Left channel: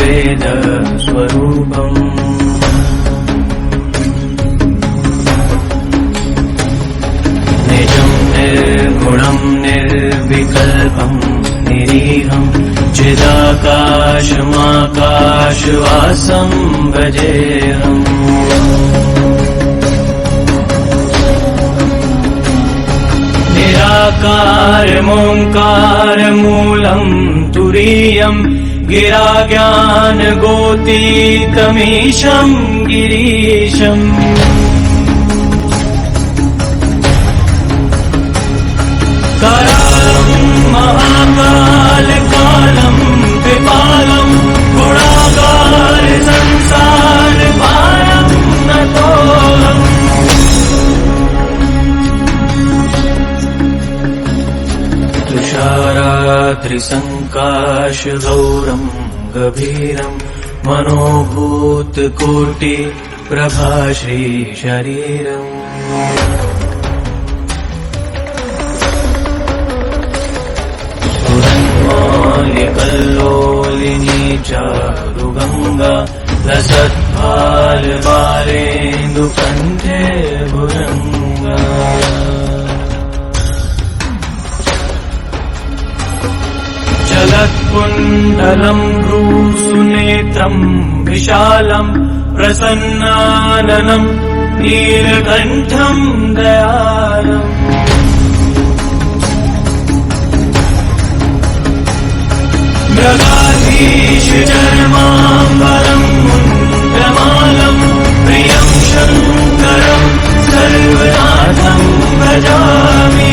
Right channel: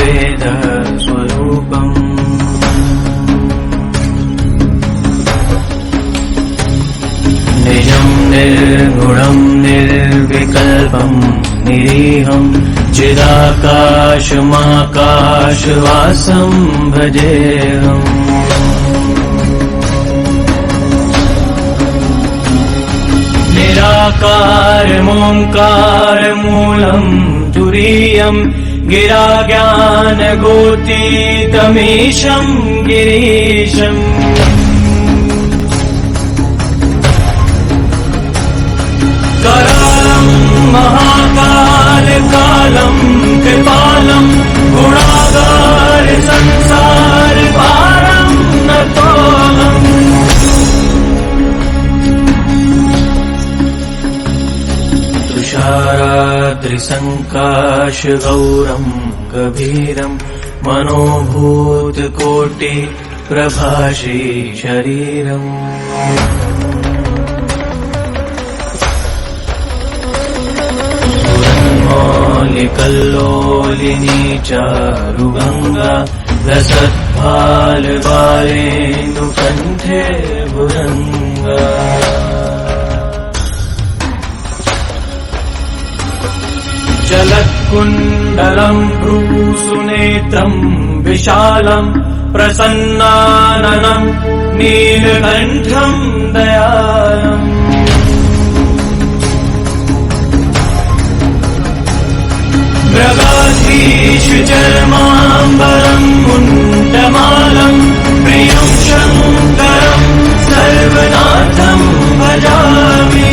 वेद स्वरूपम् निजं निर्गुणं निर्विकल्पं निरीहं चिदाकाशमाकाशवासं भजेऽहम् निराकारमोङ्कारमूलं तुरीयं गिराज्ञानगोतीतमीशं गिरीशम् करालं महाकालकालं कृपालं गुणागार संसारभारं नतोऽहम् तुषाराद्रिसङ्काशगौरं गभीरं मनोभूतकोटिप्रभाषी शरीरम् कल्लोलिनी चारुगङ्गा लसत्फालबालेन्दुकण्ठे भुजङ्गा जलत्कुण्डलं भ्रूसुनेत्रं विशालं प्रसन्नाननं नीलकण्ठं दयालम् मृगाधीश चर्माम्बरं मुण्डमालं प्रियं शङ्करं सर्वनाथं भजामि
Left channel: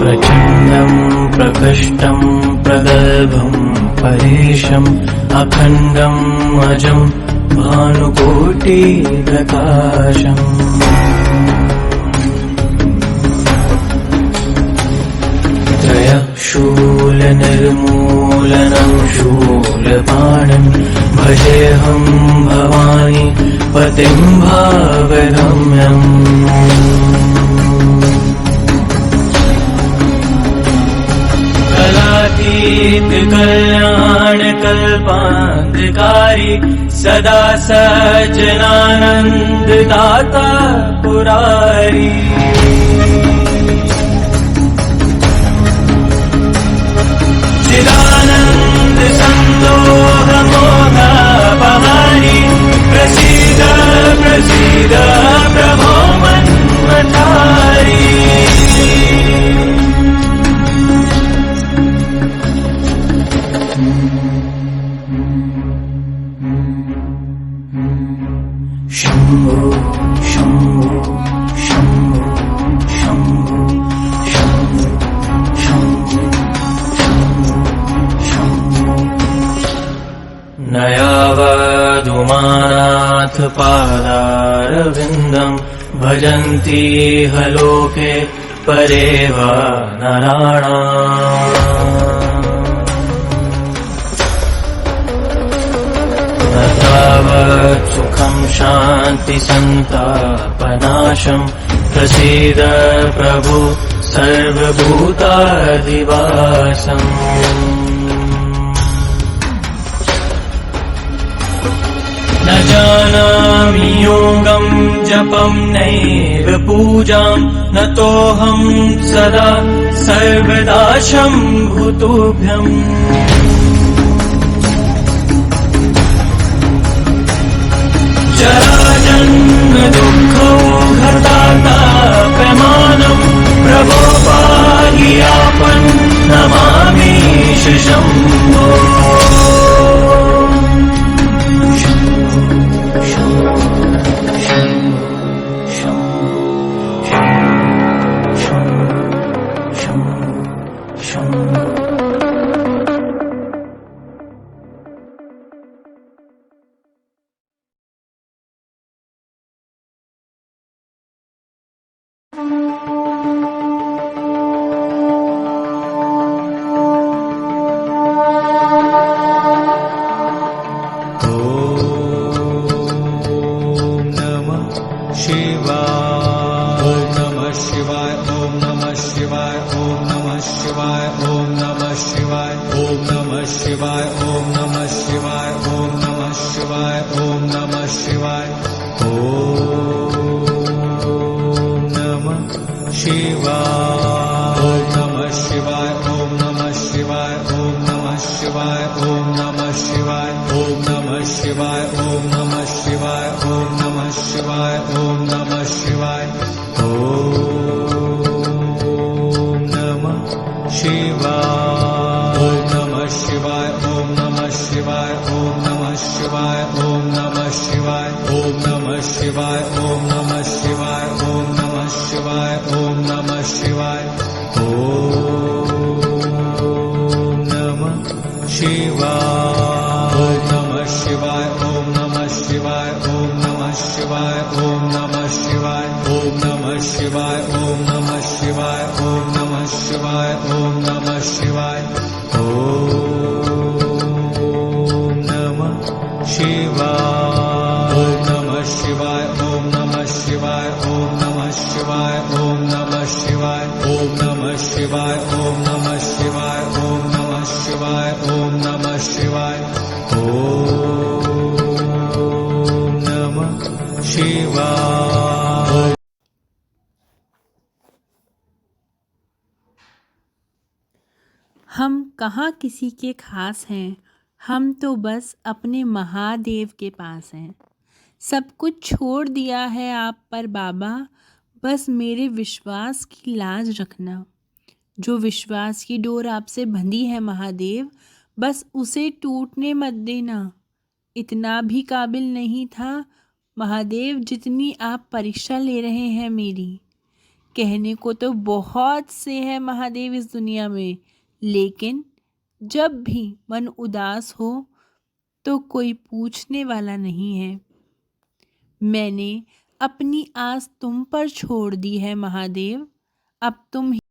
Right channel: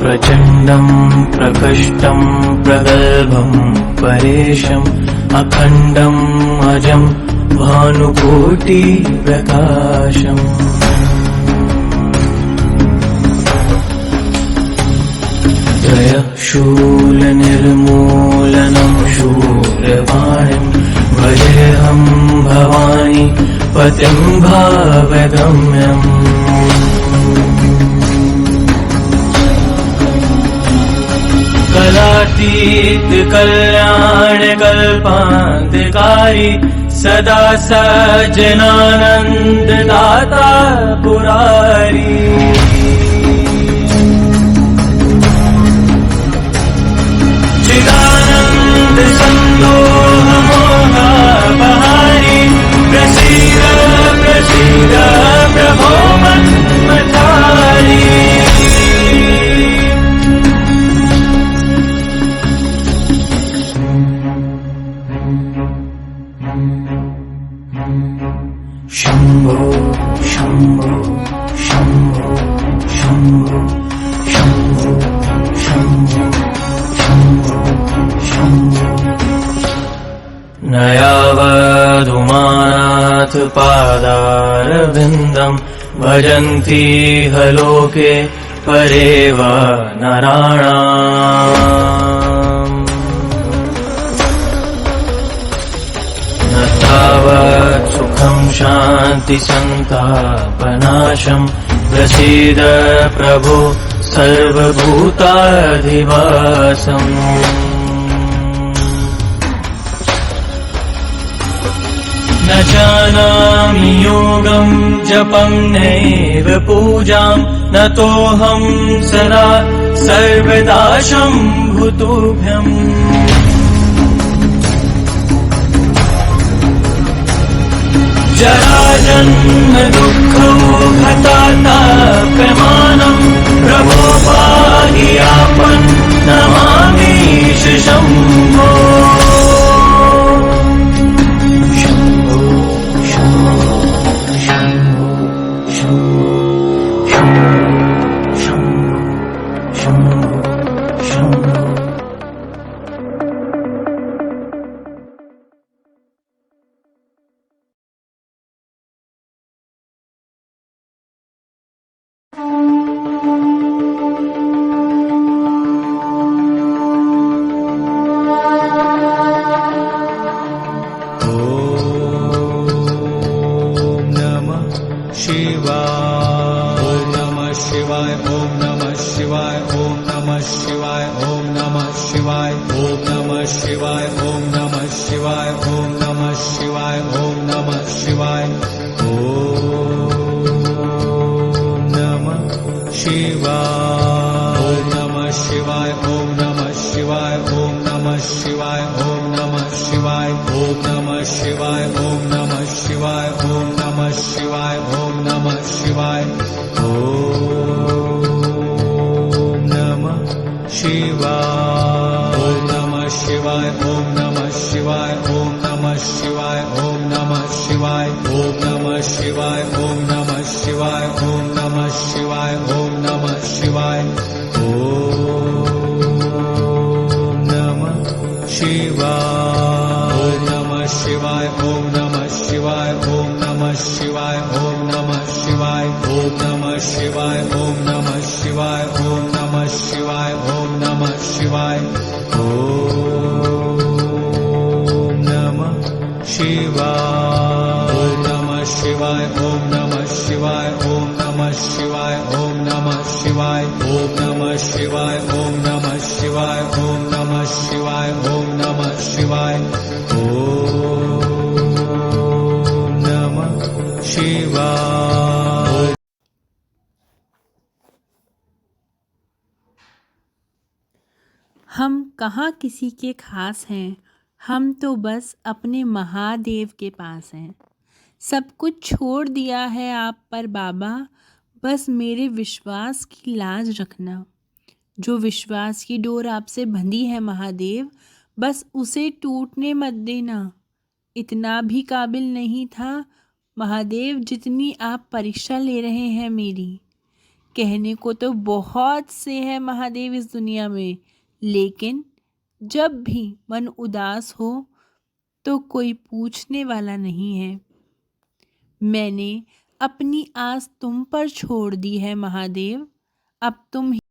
प्रचण्डं प्रकष्टं प्रगल्भं परेशम् अखण्डम् अजं भानुकोटिप्रकाशम् शूलनिर्मूलनं शूलपाणिं भजेऽहं भवानी पतिं भावगम्यम् कलातीत कल्याणकल्पान्धकारी सदा सज्जनानन्ददाता पुरारी चिदानन्द सन्दोहमोहपहारी प्रसीद प्रसीद प्रभो मन्मथारी शम्भो शम्भो शम्भो शम्भो शम्भो शम्भो न यावदुमानाथ पादारविन्दं भजन्ति लोके परे वा नराणाम् न तावत् सुखं शान्ति सन्तापनाशं प्रसीद प्रभो सर्वभूताधिवासम् न जानामि योगं जपं नैव पूजां नतोऽहं सदा सर्वदा शम्भुतुभ्यम् जराजन्म दुःखौघतापमानं प्रभो पाहि आपन् नमामीश शम्भो शिवाय नमः शिवाय। शिवाय ओम नमः शिवाय ओम नमः शिवाय ओम नमः शिवाय ओम नमः शिवाय नमः शिवाय ओम नमः शिवाय ओम नमः शिवाय ओम नमः शिवाय ओम नमः शिवाय ओम नमः शिवाय ओम नमः शिवाय ओम नमः शिवाय ओम नमः शिवाय नमः शिवाय ओम नमः शिवाय ओम नमः शिवाय ओम नमः शिवाय ओम नमः शिवाय ओम नमः शिवाय ओम नमः शिवाय ओम नमः शिवाय ओम नमः शिवाय नमः शिवाय ओम नमः शिवाय ओम नमः शिवाय ओम नमः शिवाय ओम नमः शिवाय ओम नमः शिवाय ओम नमः शिवाय ओम नमः शिवाय ओम नमः शिवाय नमः शिवाय ओम नमः शिवाय ओम नमः शिवाय ओम नमः शिवाय ओम नमः शिवाय ओम नमः शिवाय ओम नमः शिवाय ओम नमः शिवाय ओम नमः शिवाय। हम कहाँ किसी के खास हैं, हम तो बस अपने महादेव के पास हैं। सब कुछ छोड़ दिया है आप पर बाबा, बस मेरे विश्वास की लाज रखना। जो विश्वास की डोर आपसे बंधी है महादेव, बस उसे टूटने मत देना। इतना भी काबिल नहीं था महादेव जितनी आप परीक्षा ले रहे हैं मेरी। कहने को तो बहुत से हैं महादेव इस दुनिया में, लेकिन जब भी मन उदास हो तो कोई पूछने वाला नहीं है। मैंने अपनी आस तुम पर छोड़ दी है महादेव, अब तुम